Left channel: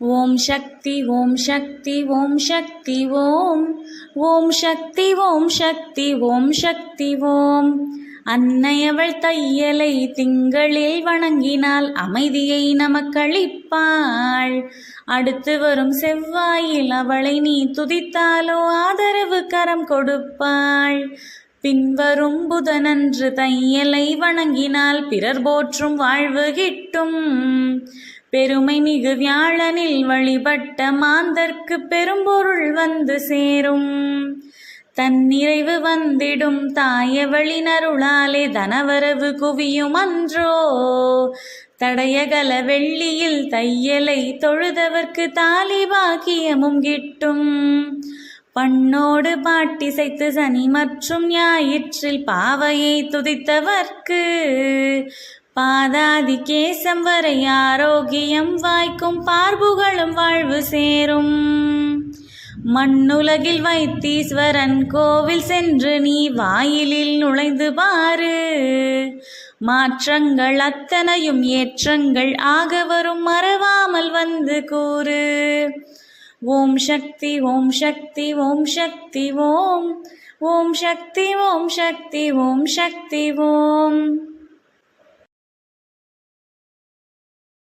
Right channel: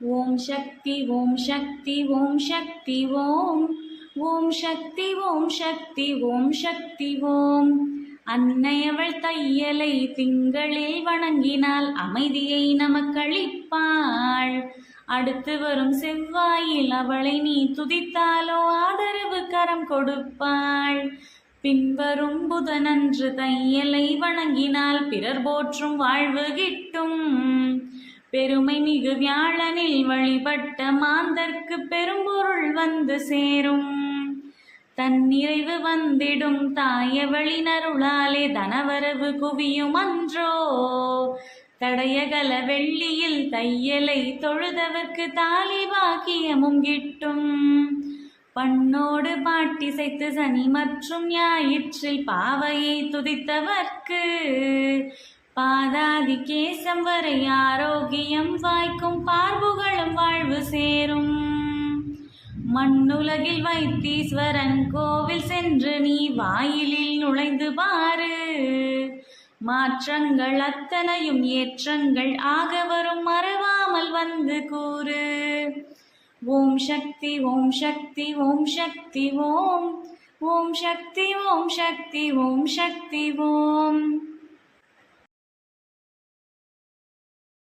ஓம் சக்தி ஓம் சக்தி ஓம் சக்தி ஓம் ஓம் சக்தி ஓம் சக்தி ஓம் சக்தி ஓம். அன்னையவள் தையலை திங்களில் வணங்கினால் அமைதியை நமக்களிப்பாள். அடுத்து வரும் செவ்வாயில் அவளை நீ துதித்தாலோ ஆதரவு கரம் கொடுப்பாள். பின்வரும் புதனன்று தையலை வணங்கினால் பிறர் போற்றும் வாழ்வு கிட்டும். பெருமை மிகு வியாழனில் வழிபட்ட மாந்தர்க்கு பெரும்பொருள் வந்து சேரும். தன்னிறைவு வந்திடும் தாயவளின் அருளாலே தனவரவு குவியும் அன்றோ. தடையகல வெள்ளியில் தையலை தொழுதவர்க்கு தாலி பாக்கியமும் கிட்டும். பண்ணோடு பாட்டிசைத்து சனி மற்றும் ஞாயிற்றில் பாவையை துதித்தவர்க்கு பாதாதி கேசம் வரை ஆரோக்கியம் வாய்க்கும் பார்புகளும் வாழ்வு சேரும். மண்ணுலகில் வைத்தீஸ்வரன் கோவில் சென்று நீ வாயிலில் நுழைந்து பாரு. மாற்றங்கள் அத்தனையும் ஏற்றங்கள் ஆக வரும் மறவாமல் வந்து கூறு. ஓம் சக்தி ஓம் சக்தி ஓம் சக்தி ஓம் ஓம் சக்தி ஓம் சக்தி ஓம் சக்தி ஓம்.